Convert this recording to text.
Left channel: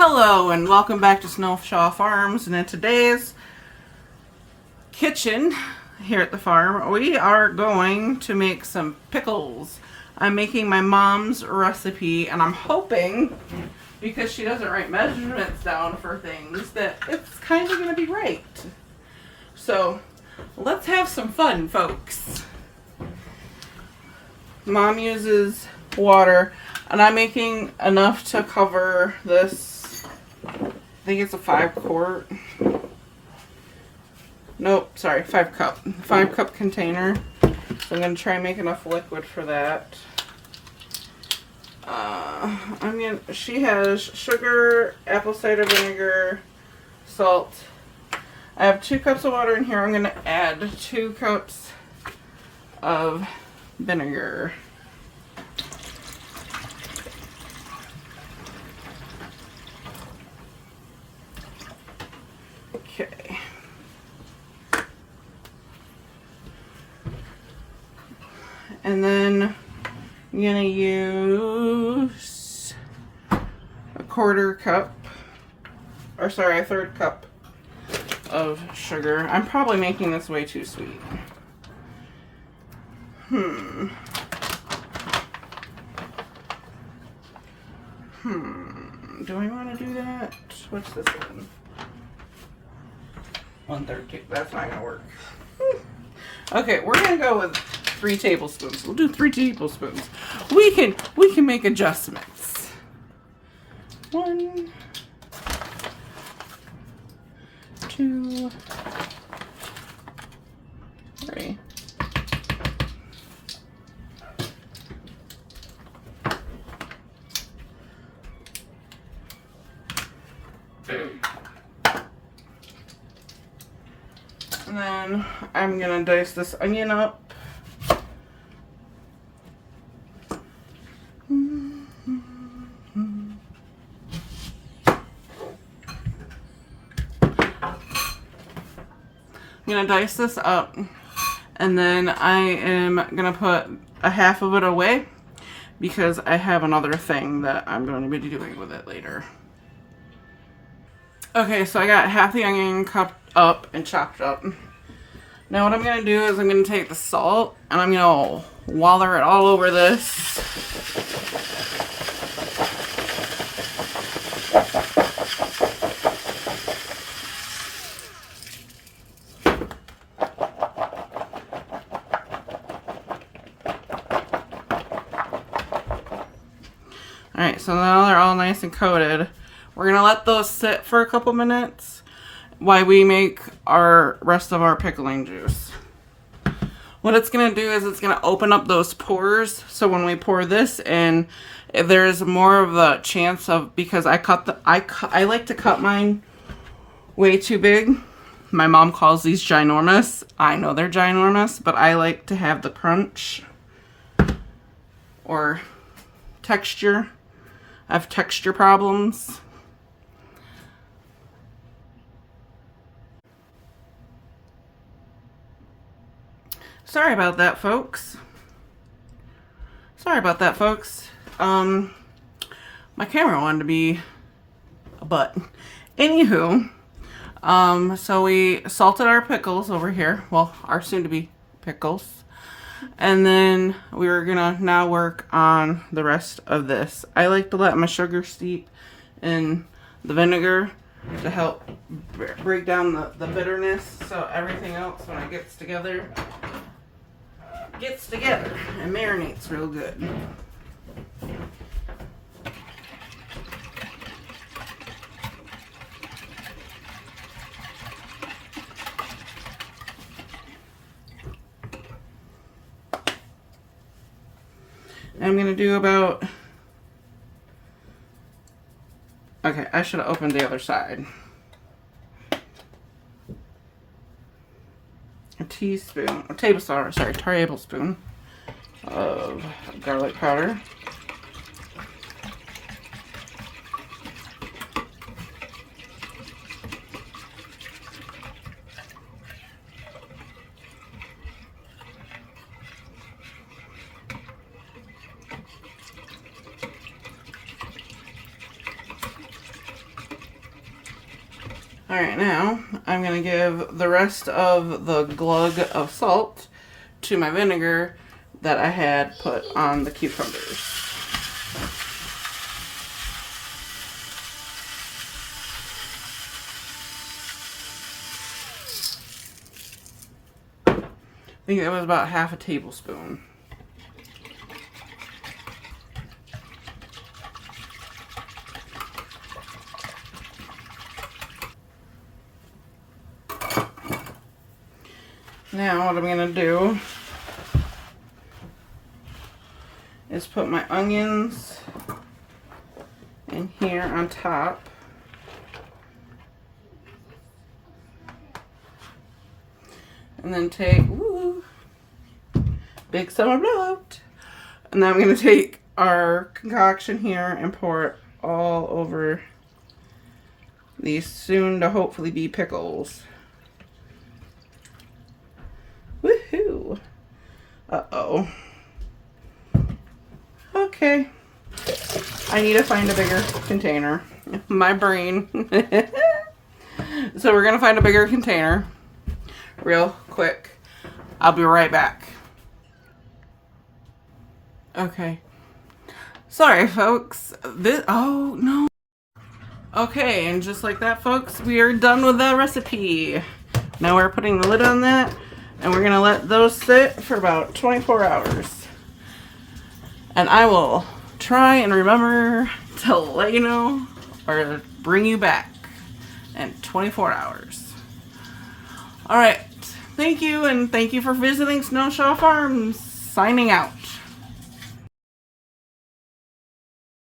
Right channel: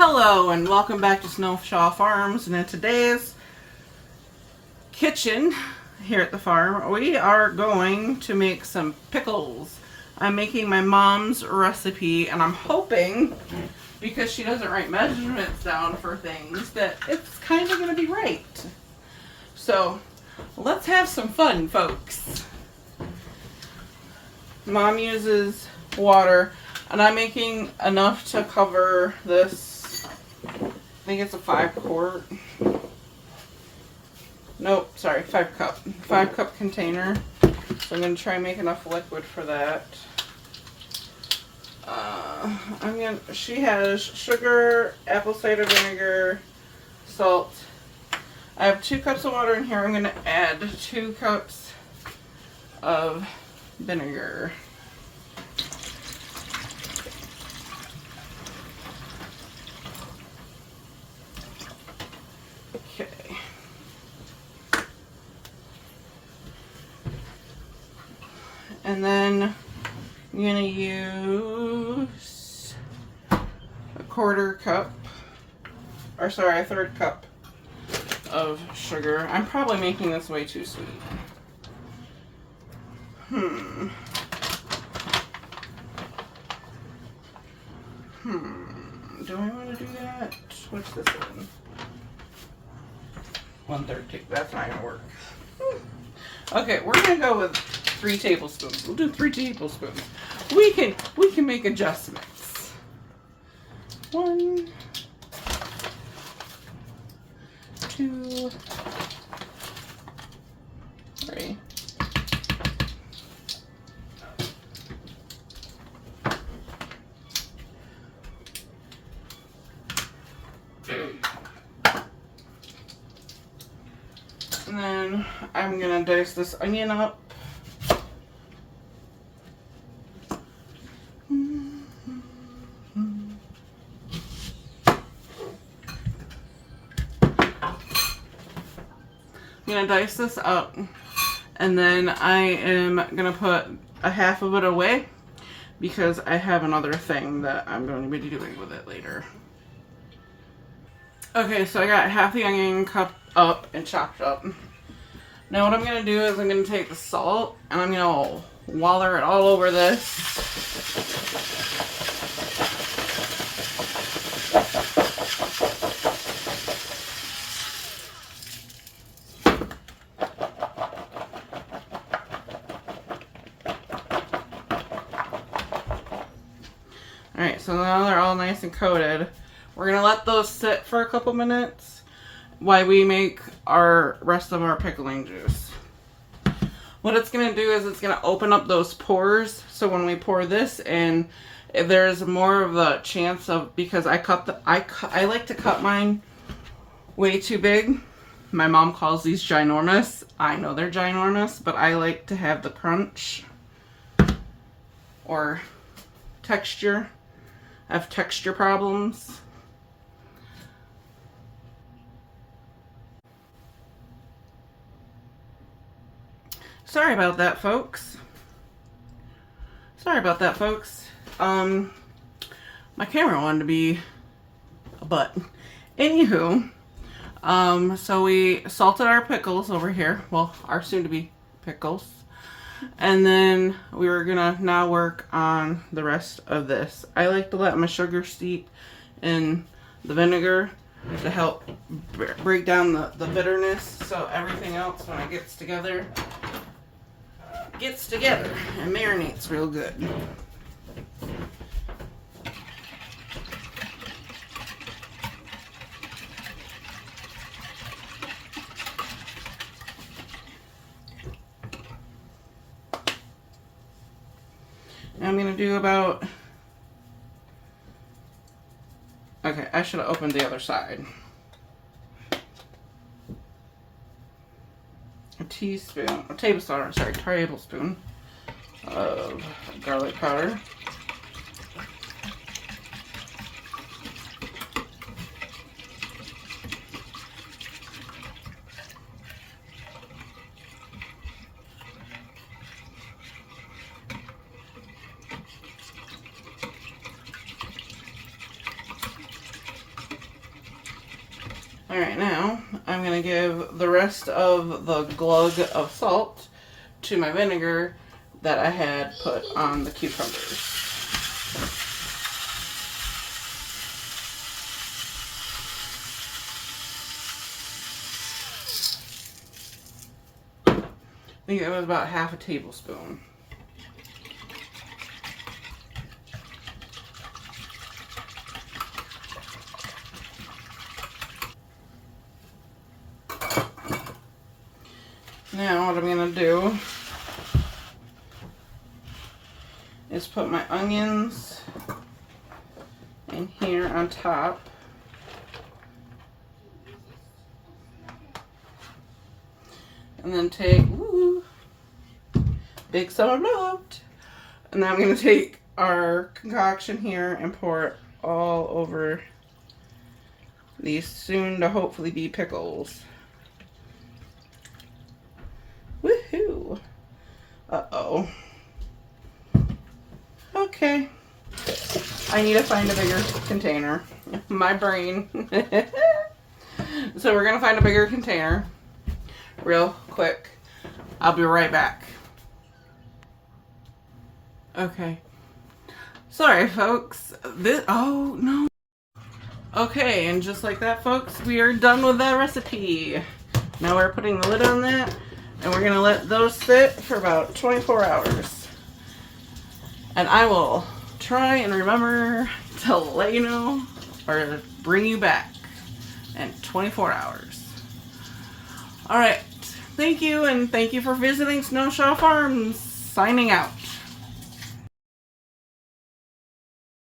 Hello and welcome back to Snowshaw Farms, and in today's kitchen here at the farm we are going to make some pickles. I'm making my mom's recipe and I'm hoping, because she doesn't write measurements down for things, that it's kind of going to be right. So let's have some fun, folks. Mom uses water and I'm making enough to cover this. I think it's a 5-quart. Nope, sorry, 5-cup. 5-cup container. So I'm gonna try and make enough liquid for that. She has sugar, apple cider vinegar, salt. I have 2 cups of water in here. I'm gonna add 2 cups of vinegar. Okay. And then I'm gonna use a 1/4 cup, or sorry, a 1/3 cup of sugar. I'm probably making this way too sweet. Do I want to do that? What's this one? 1/3. That's not gonna work. Okay, we're gonna go with 3 tablespoons. We'll do 3 tablespoons. We can make adjustments. 1, 2, 3. And then I'm gonna dice this onion up. I'm gonna dice this up, and then I am gonna put a half of it away because I have another thing that I'm going to be doing with it later. Okay, so I got half the onion cut up and chopped up. Now what I'm going to do is I'm going to take the salt and I'm going to waller it all over this. Alright, so now they're all nice and coated. We're going to let those sit for a couple minutes while we make our rest of our pickling juice. What it's going to do is it's going to open up those pores, so when we pour this in, there's more of a chance of, because I like to cut mine way too big. My mom calls these ginormous. I know they're ginormous, but I like to have the crunch or texture. I have texture problems. Sorry about that, folks. Sorry about that, folks. My camera wanted to be a butt. Anywho, so we salted our pickles over here. Well, our soon-to-be pickles. And then we're gonna now work on the rest of this. I like to let my sugar steep in the vinegar to help break down the bitterness, so everything else, when it gets together and marinates real good. I'm going to do about, okay, I should have opened the other side. A tablespoon of garlic powder. Alright, now I'm going to give the rest of the glug of salt to my vinegar that I had put on the cucumbers. I think that was about half a tablespoon. Now what I'm going to do is put my onions in here on top. And then take, ooh, big summer blowout. And then I'm going to take our concoction here and pour it all over these soon to hopefully be pickles. Woohoo! Uh-oh. Okay. I need to find a bigger container. My brain. So we're going to find a bigger container real quick. I'll be right back. Okay. Sorry, folks. Oh, no. Okay, and just like that, folks, we are done with that recipe. Now we're putting the lid on that, and we're going to let those sit for about 24 hours. And I will try and remember to let you know or bring you back in 24 hours. All right. Thank you, and thank you for visiting Snowshaw Farms. Signing out.